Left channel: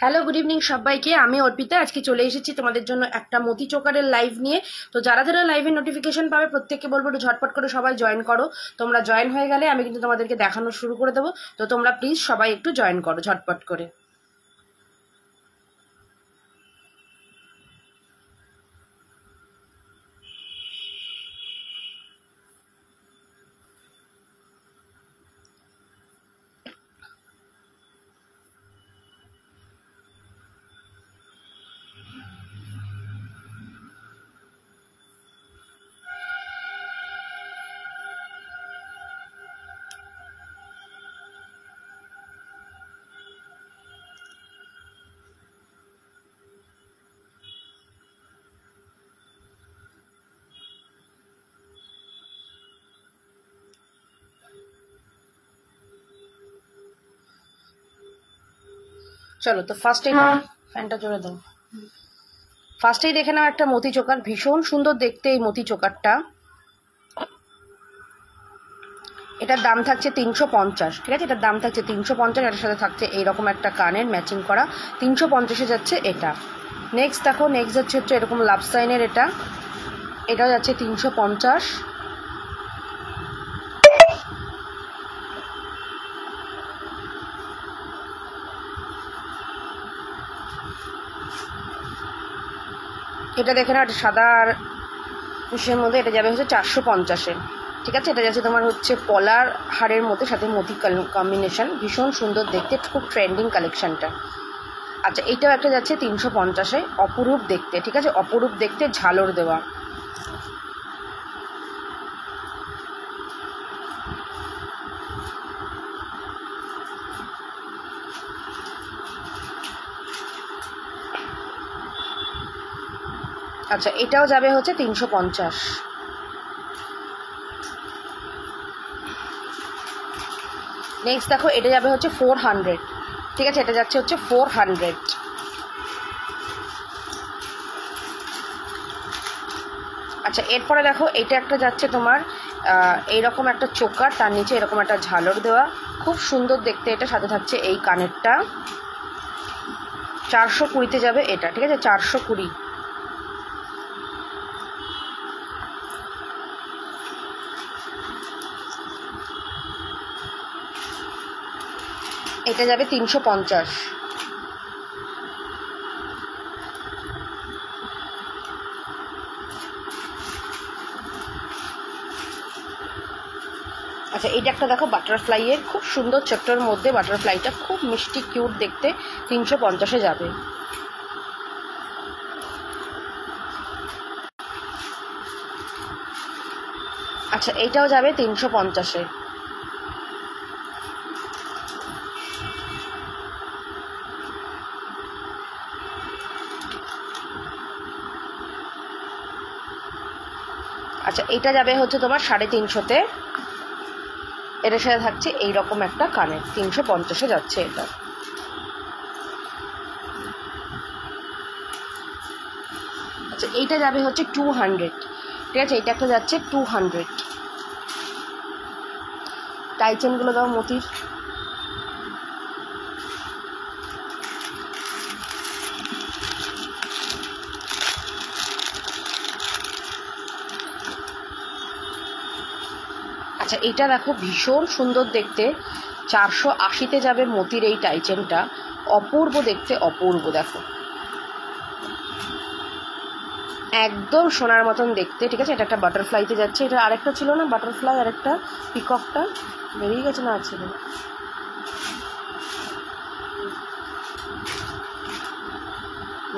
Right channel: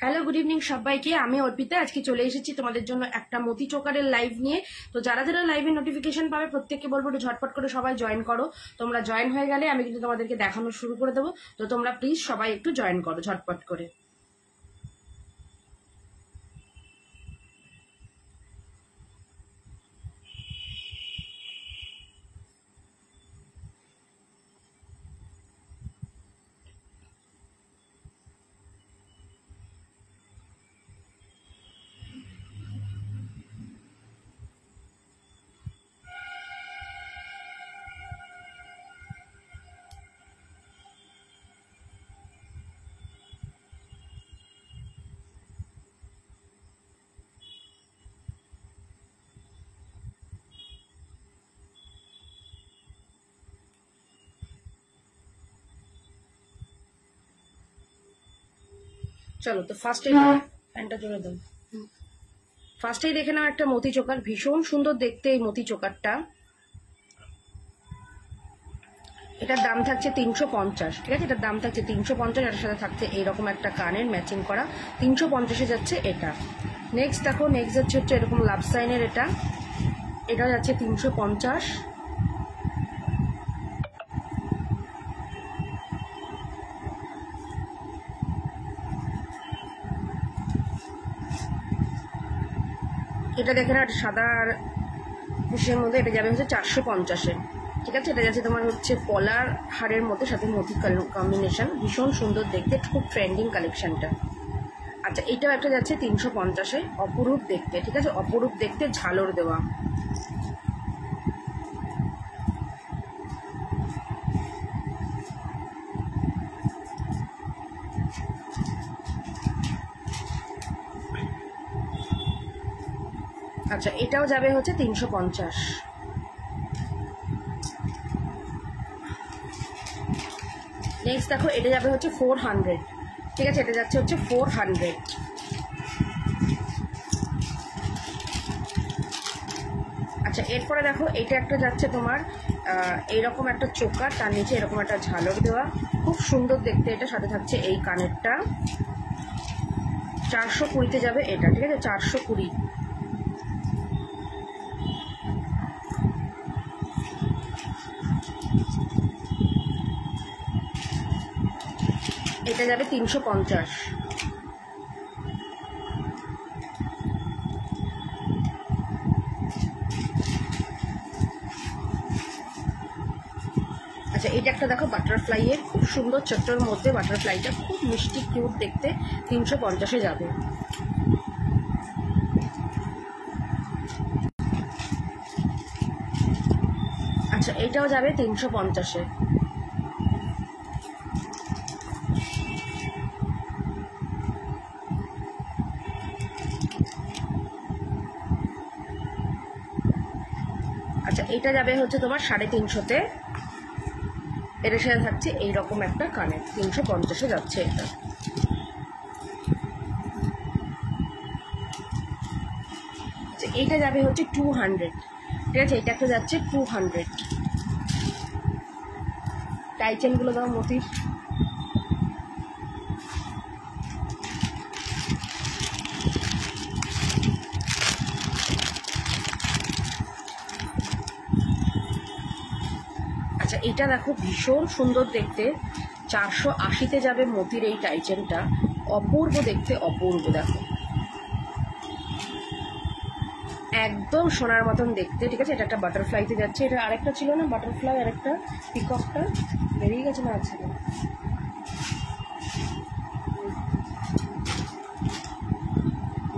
Hello, good evening সবাইকে। আমি অর্পিতা আজকে চলে এসেছি তোমাদের জন্য একটা মতি চোকারের লাইভ নিয়ে। তো যারা যারা লাইভের নোটিফিকেশন পাবে প্রত্যেককে বলবো একটু ঝটপট করে সবাই জয়েন করো। তোমরা জয়েন হয়ে গেলে আমি কিন্তু তোমাদেরকে দেখানো শুরু করে দেবো। তো তোমরা প্লিজ সবাই একটু জয়েন করো ঝটপট করে। চলো তো ফার্স্টেই ফ্যানটা জোরে দাও। ফার্স্টেই দেখে নাও একটা মতি চোকার, ভীষণ সুন্দর দেখতে এই মতি চোকারটা। এটার দাম থাকছে 350, ঠিক আছে? এটার দাম থাকছে 350। এটার সাথে থাকছে এইরকম একটা কানের ম্যাচিং করা, 350-এ যাচ্ছে এটা। নেক্সট দেখো, নেক্সট যাচ্ছে এরকম লাভ সাইনের, এটা যাচ্ছে 350। এটা দেখে না, সাদা আর বুশের মধ্যে, এটা যাবে হচ্ছে 450-এ, ঠিক আছে? এটা যাচ্ছে তোমার হচ্ছে পলার হারের মধ্যে সাথে মতি কম্বিনেশন, ভীষণ সুন্দর দেখতে, খুব ট্রেন্ডিং কালেকশনটা। আচ্ছা, এইটাও একটা যাচ্ছে 350-এ, অপরূপ দেখতে, ঠিক আছে? অপরূপ দেখতে, ঝালর দেওয়া। আচ্ছা, এটাও যাবে হচ্ছে 350। নেক্সট দেখো, এটা যাবে হচ্ছে 400, ঠিক আছে? এটা যাচ্ছে হচ্ছে 400। আচ্ছা, এরপরে দেখো, এটা একটা যাচ্ছে তোমার এইরকম একটা চোকার, তার নিচে এরকম একটা ঝালর দেওয়া, খুব সুন্দর দেখতে। এটা সাথে থাকছে এই কানেরটা, 420-তে যাবে এটা, ঠিক আছে? 420। এটা যাবে 350। আচ্ছা, এটা একটা দেখো বাটারফ্লাইয়ের, খুব সুন্দর ছোট্টর মধ্যে বাটারফ্লাইটা, খুব মিষ্টি কিউট দেখতে, 350-এ যাবে। আচ্ছা, এইটাও যাবে 350-এ। আচ্ছা, এইটা যাবে হচ্ছে তোমার 350-তে। এটার সাথে থাকছে এইরকম একটা কানের, 350-এ যাচ্ছে এটা। আচ্ছা, এইটা যাবে হচ্ছে 200, ঠিক আছে? এইটা একটা যাচ্ছে 200। টাইচেনগুলো দাও মতির। আচ্ছা, এটা দেখো ভীষণ সুন্দর দেখতে, 480-তে যাবে মতির এই টাইচেনটা, অপূর্ব দেখতে, অপূর্ব। দেখো একদম সোনার মতন দেখতে, ঠিক আছে? এটা একটা বাটারফ্লাইতে যাচ্ছে। এটা আরেকটা ছিল না বাটারফ্লাই, আরেকটা পিককটা বেরিয়ে গেছে, না ছিল,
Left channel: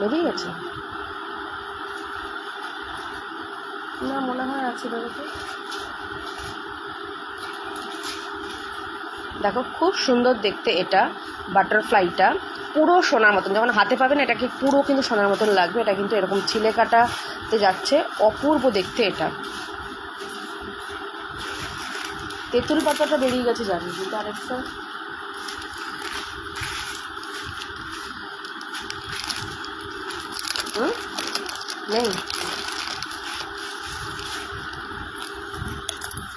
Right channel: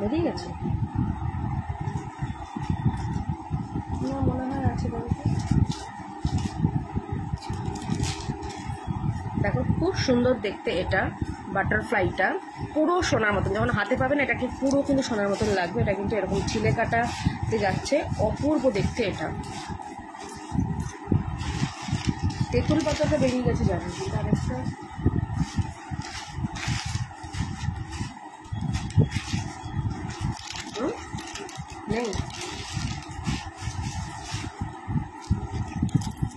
বেরিয়ে গেছে না, মনে হয় আছে। দেখো খুব সুন্দর দেখতে এটা, বাটারফ্লাইটা পুরো সোনার মতন, যখন হাতে পাবেন এটাকে পুরো কিন্তু সোনার মতন লাগবে। এটা কিন্তু এরকম ছিলে কাটাতে যাচ্ছে, অপূর্ব দেখতে এটা। তেঁতুল পাতাটা বেরিয়ে গেছে জানি, কিন্তু আরেকটা নেই।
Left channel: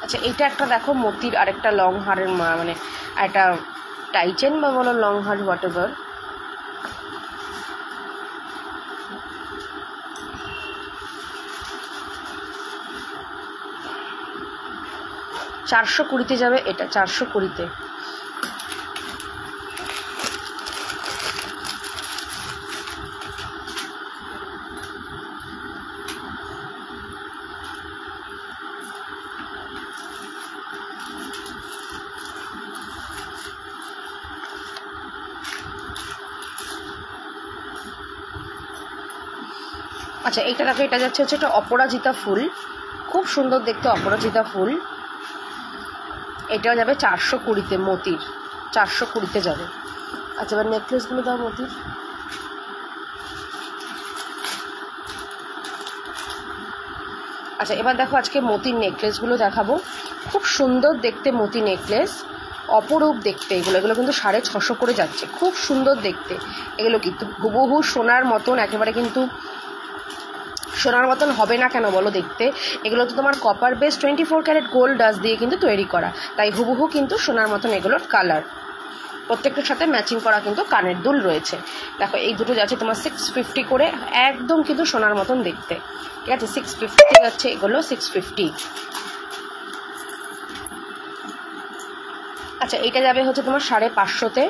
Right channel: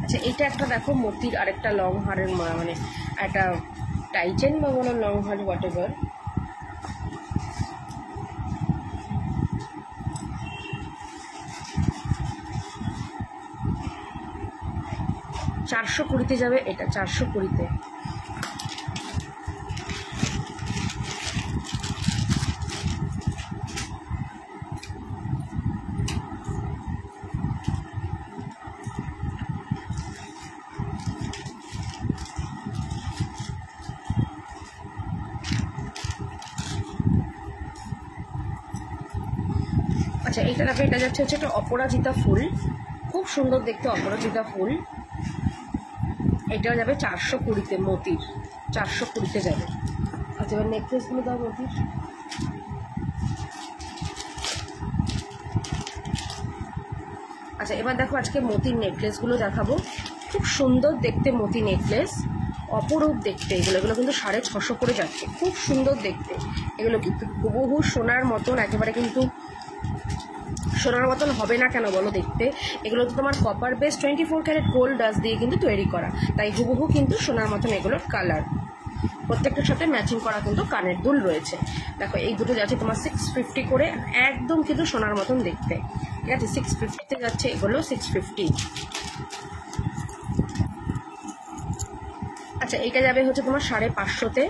আচ্ছা, এইটা একটা দেখো মতির আরেকটা লং হারের, মানে একটা টাইচেন বা বলো লং হার্ট হোয়াট এভার। $420 যাবে এটা, 420। আচ্ছা এইটা দেখো, এটা যাচ্ছে হচ্ছে একটা অপরাজিতা ফুল, খুব সুন্দর দেখতে অপরাজিতা ফুল। এটাও যাবে 420-তে, মতির 420-তে যাবে। আচ্ছা এবার নেকলেসগুলো দাও মতির। আচ্ছা এবার দেখো আজকে মতির নেকলেসগুলো দেখাবো, খুব সুন্দর দেখতে মতি নেকলেস, অপরূপ দেখতে এগুলো। এগুলো কিন্তু 650 করে যাচ্ছে, খুব সুন্দর দেখতে এগুলো, কিন্তু হুবহু সোনার মতন, একেবারে কিন্তু সোনার মতন হবে না কেন বলো দেখতে। এগুলো তো তোমার copper base 24 carat gold dust দিয়ে কিন্তু তৈরি করা, তাই হুবহু কিন্তু সোনার মতন এগুলোর কালার। প্রত্যেকটার সাথে ম্যাচিং করা কিন্তু কানের দুল রয়েছে। দেখো এই দুটো যাচ্ছে তোমার 650 করে, একদম কিন্তু সোনার মতন দেখতে, ঠিক আছে। 650 যাচ্ছে এগুলো, 650। আচ্ছা এইটা যাবে হচ্ছে তোমার 550-তে,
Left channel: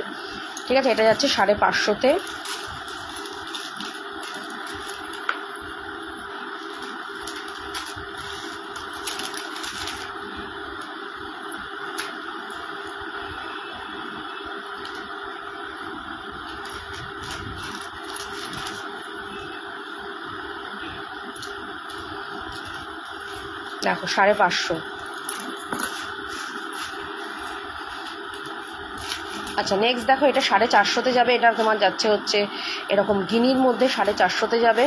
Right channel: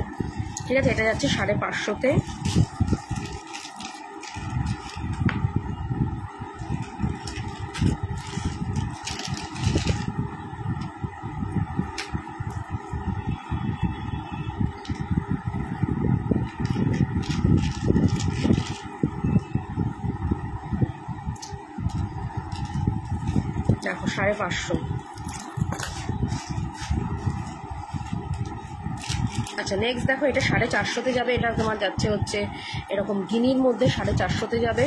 ঠিক আছে। এটা যাচ্ছে 550-তে। দেখো 550। আচ্ছা নেক্সট দেখো এটা 450-তে যাবে, এটা তোমার যাচ্ছে হচ্ছে এরকম গিনির মধ্যে 450-তে যাবে।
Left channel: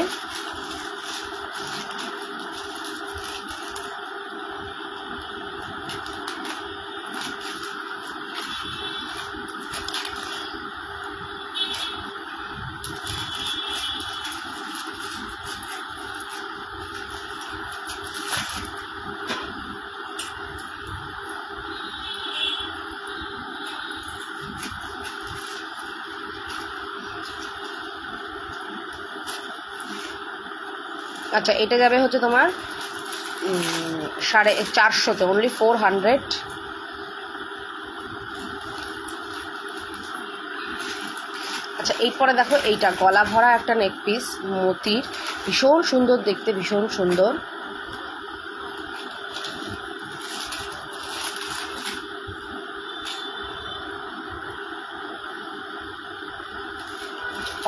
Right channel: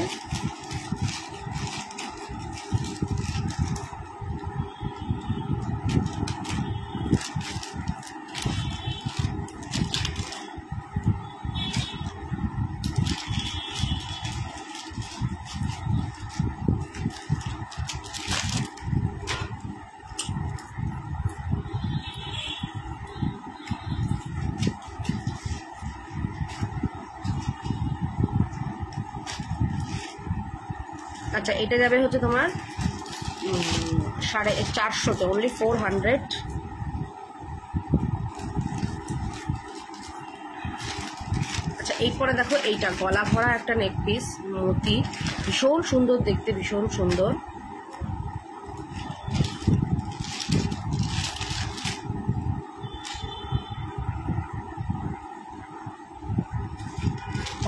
আচ্ছা এটা যাবে হচ্ছে তোমার 450-তে, অনলি 400। আচ্ছা এরপরে দেখো এইটা গলা ভরা একটা নেক পিস মতির, ভীষণ সুন্দর দেখতে, ভীষণ সুন্দর।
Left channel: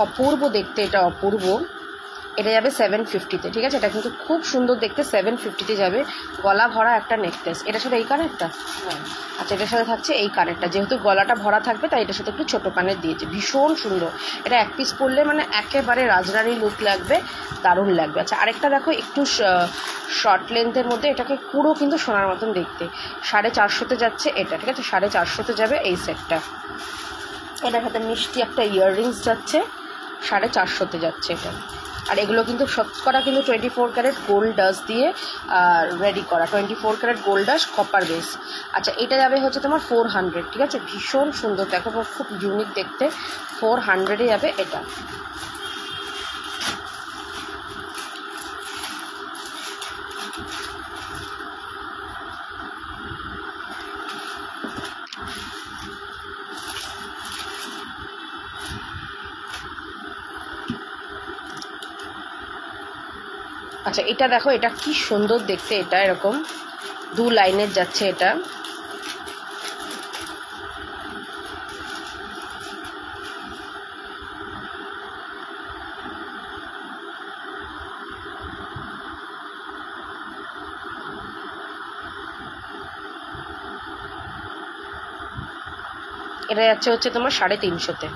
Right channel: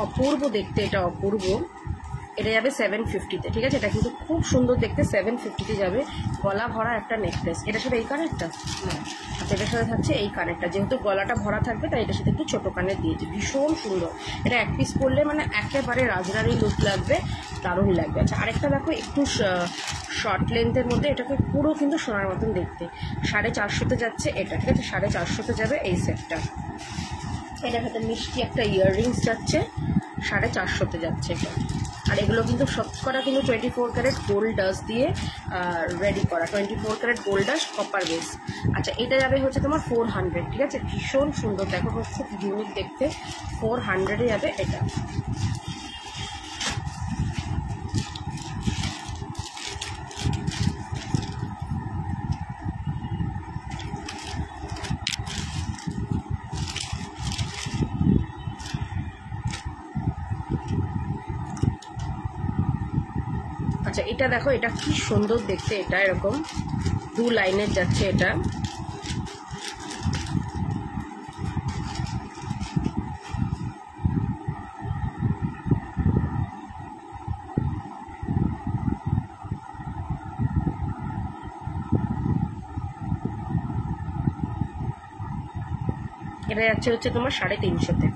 অপূর্ব দেখতে, এটা অপূর্ব। এটা যাবে 750-তে, ঠিক আছে। এটা কিন্তু খুব সুন্দর দেখতে, 750-তে যাবে। গলা ভরা একটা নেকলেস, এটার সাথে এই কানেরটা, হ্যাঁ আচ্ছা এটার সাথে থাকছে এই কানেরটা, যেহেতু গলাটা ভরা থাকবে তাই এটার সাথে একটু ছোটো কানের দিয়েছে, ভীষণ সুন্দর। এটা এক পিস পরলে মানে একেবারে রাজরানী লুক লাগবে, দারুণ লাগবে। আচ্ছা আরেকটা দেখো একটু শর্ট লেন্থের মধ্যে, এটাকে পুরো কিন্তু সোনার মতন দেখতে, 450-তে যাচ্ছে এটা, ঠিক আছে। 450-তে যাবে এই সেটটা। এটার সাথে মিষ্টি একটা ইয়াররিংস যাচ্ছে, 450-তে যাচ্ছে এটা। আর এগুলো কিন্তু শতকরা কিন্তু 24 ক্যারেট গোল্ড ডাস্ট দিয়ে রেডি করা, 24 carat gold dust copper base. আচ্ছা এটা যাবে হচ্ছে তোমার 400, ঠিক আছে। ভীষণ সুন্দর দেখো, খুব ইউনিক দেখতে, 400-এ যাবে এটা। আচ্ছা এটা দেখো, এটা কি সুন্দর দেখতে, এটা এরকম 2 লাইনের যাচ্ছে এটা। এটা যাচ্ছে হচ্ছে তোমার 350-তে।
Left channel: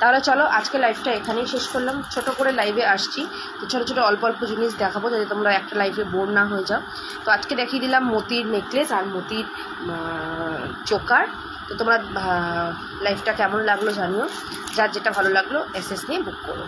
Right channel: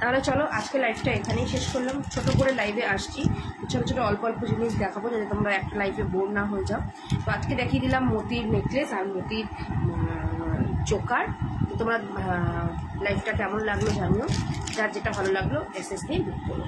তাহলে চলো আজকে লাইভটা এখানেই শেষ করলাম, ছোট করে লাইভে আসছি, তো ছোটো ছোটো অল্প অল্প জিনিস দেখাবো যাতে তোমরা একটা লাইভে বোর না হয়ে যাও। তো আজকে দেখিয়ে দিলাম মতির নেকলেস আর মতির চোকার। তো তোমরা লাইভটা কেমন লাগলো জানিও, যার যেটা ভালো লাগলো এসএস নিয়ে বুক করো।